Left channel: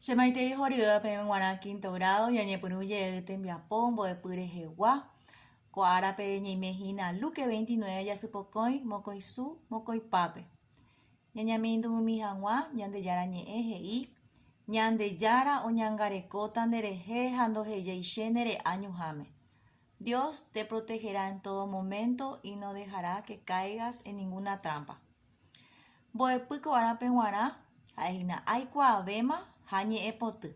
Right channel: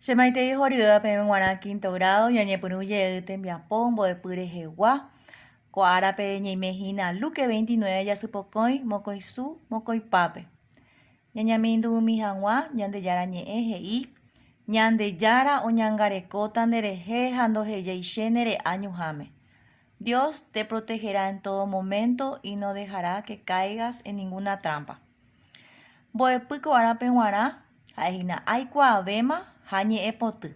Shemaitei Horiuda Pemenguana quinto grado, Yañepunuye Tembiapombo de Purejewa, Coarape Ñeimejina Luque 29, Yasupocoy, Mocoisu, Mocoipape. Ñañamindu Mijangua, Ñandeyara Ñeeji, Ñandeyara o Ñangarecota Nereje, Jandojeyeishenere Añujame. Dios te protegerá en todo momento y no dejará que caigas en ninguna trampa. Boepuiko Arapenguara, Aina Aikua Vema, Hañe Epotu.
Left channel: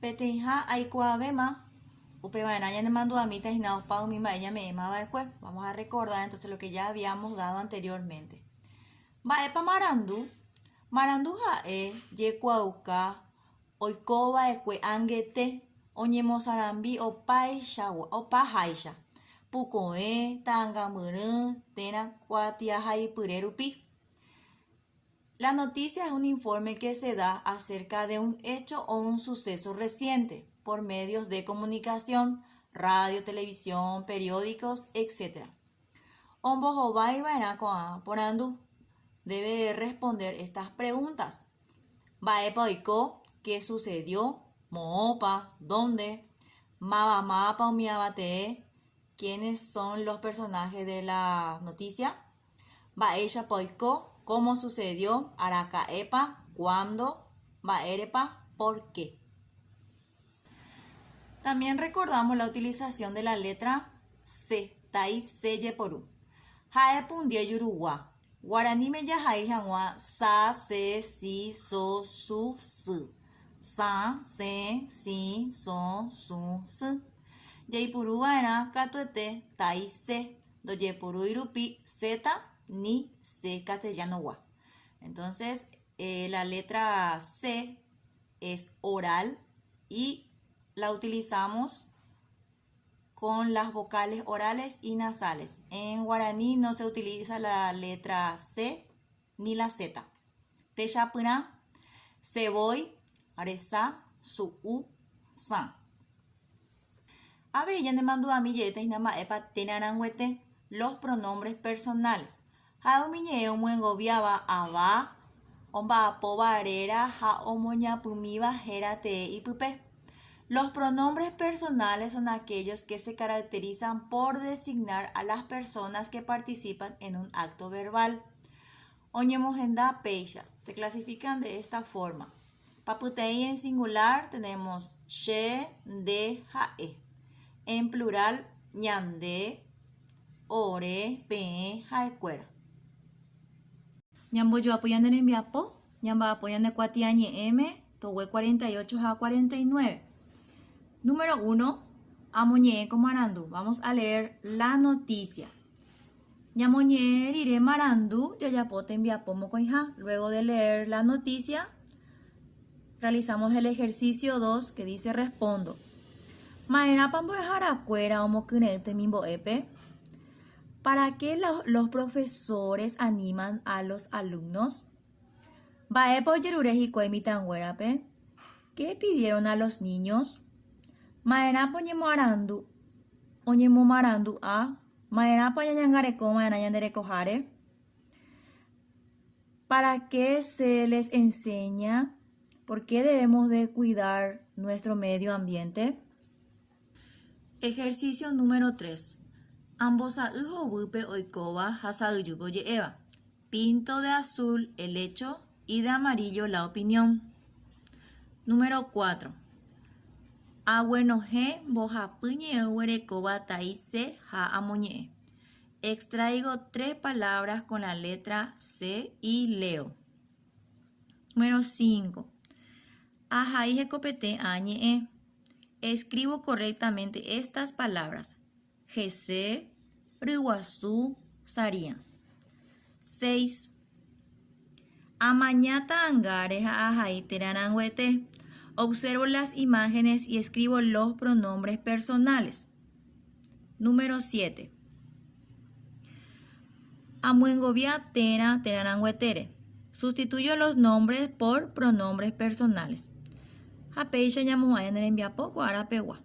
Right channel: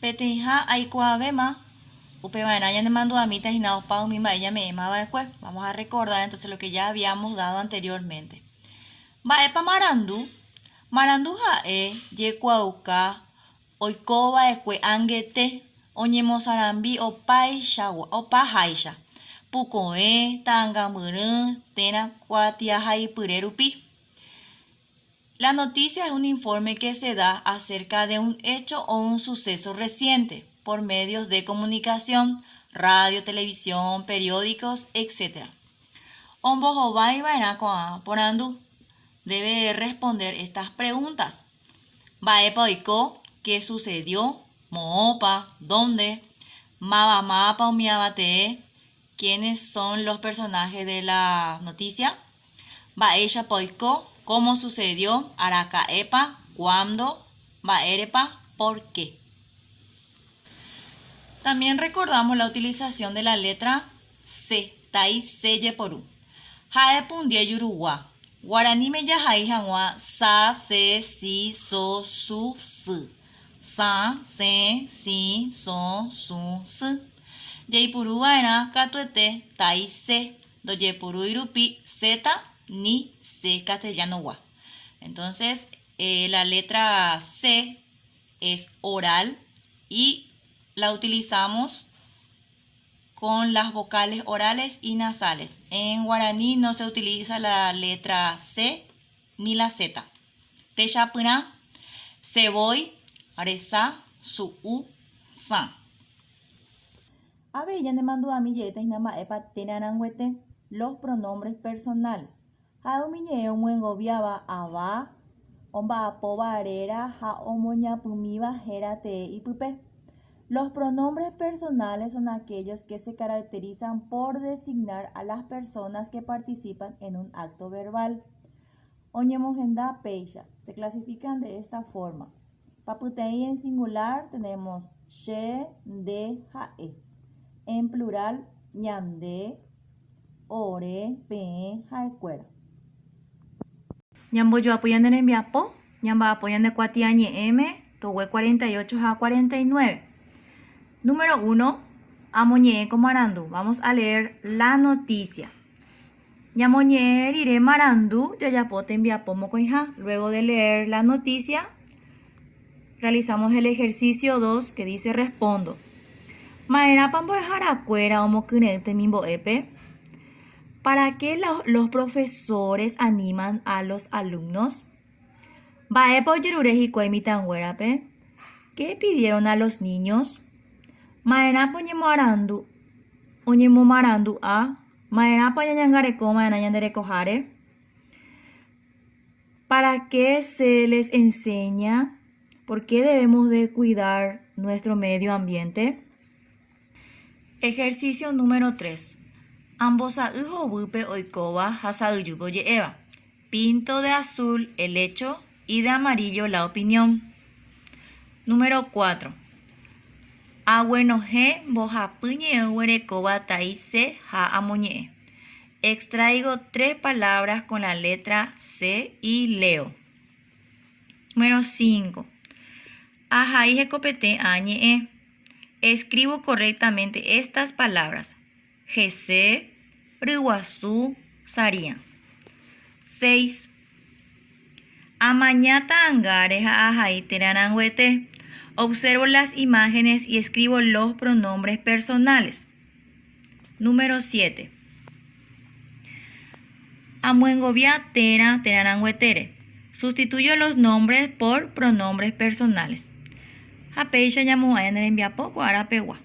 Peteja Aikua Vema, Upevaina ya me mandó a mí, Tajinados Pau, mi ella me llamaba después. Vamos a recordar entonces lo que ya habíamos dado anteriormente. Baepa Marandu, Marandu Jae, Yecuauca, Oikoba Esque Angete, Oñemosarambi, Opai Shawa, Opa Haisha, Pucoe, Tangamurun, Tena, Cuatia Jaipurerupi. La noticia es un informe que se da acerca de un hecho o un suceso reciente por medios de comunicación, radio, televisión, periódicos, etc. Ombojobai Bainacoa Porandu debe responder estas preguntas. Baepoiko, ¿qué sucedió? Moopa, ¿dónde? Mabamapa o Miabate, ¿quiénes son los personajes de la noticia? Baesha Poiko, ¿cómo sucedió? Aracaepa, ¿cuándo? Baerepa, ¿por qué? También recordamos la utilización de la letra C, Tai Seye Poru. Jae Pundie Yuruwa. Guaraní me yahai hangwa sa, se, si, so, su, su. Sa, se, si, so, su, su. Yeipuru era katuete Tai Se. Do Yepuru Irupi zeta ni se castellano wa. Entonces, la letra C es oral y la utilizamos con las vocales orales y nasales. En guaraní no se utiliza la letra C ni la Z. Techapuna, Seboy, Aresa, Su, San. Aveyan de mandu a mi yete y nama epa tenanangüete los pronombres personales. Jaumiñe muengobiaba aba, omba pobarera, ja omoña pumiba, jerate y pupe. Los pronombres personales son aquellos que se caracterizan por designar a las personas que participan en un acto verbal. Oñemojenda peisha se clasifican de esta forma. Paputei en singular tenemos she, de, jae. En plural, ñamde, ore, pe, jaecuera. Ñambo yo apoyan en enviapo, ñamba apoyan de cuatiañe m, towe 48 a 49. Número 1, Amoñe Marandu. Vamos a leer la noticia. Ñamoñe iré Marandu, yayapote enviapo mocoija. Luego de leer la noticia, realizamos el ejercicio 2 que dice respondo. Maera pambo jaracuera o mocunete mimbo epe. ¿Para qué los profesores animan a los alumnos? Baepo yerureji cuemitan huerape. ¿Qué pidieron a los niños? Maera poñemo arandu, oñemo marandu a, maera pañangareco, maena yanderecojare. ¿Para qué se les enseña? ¿Por qué debemos de cuidar nuestro medio ambiente? Ejercicio número 3. Ambosa ujo bupe oikoba hasayubo yeeva. Pinto de azul el hecho y de amarillo la opinión. Número 4. Abuenoje bojapuñe huerecoba taise ha amoñe. Extraigo 3 palabras con la letra C y leo. Número 5. Ajaije copete añe. Escribo correctamente estas palabras. Jese, Ruguazú, Saría. 6. Amañata angareja ajai teranangüete. Observo las imágenes y escribo los pronombres personales. Número 7. Amuengovia tera teranangüetere. Sustituyo los nombres por pronombres personales. Apeisha yamuayan en enviapo cuarapewa.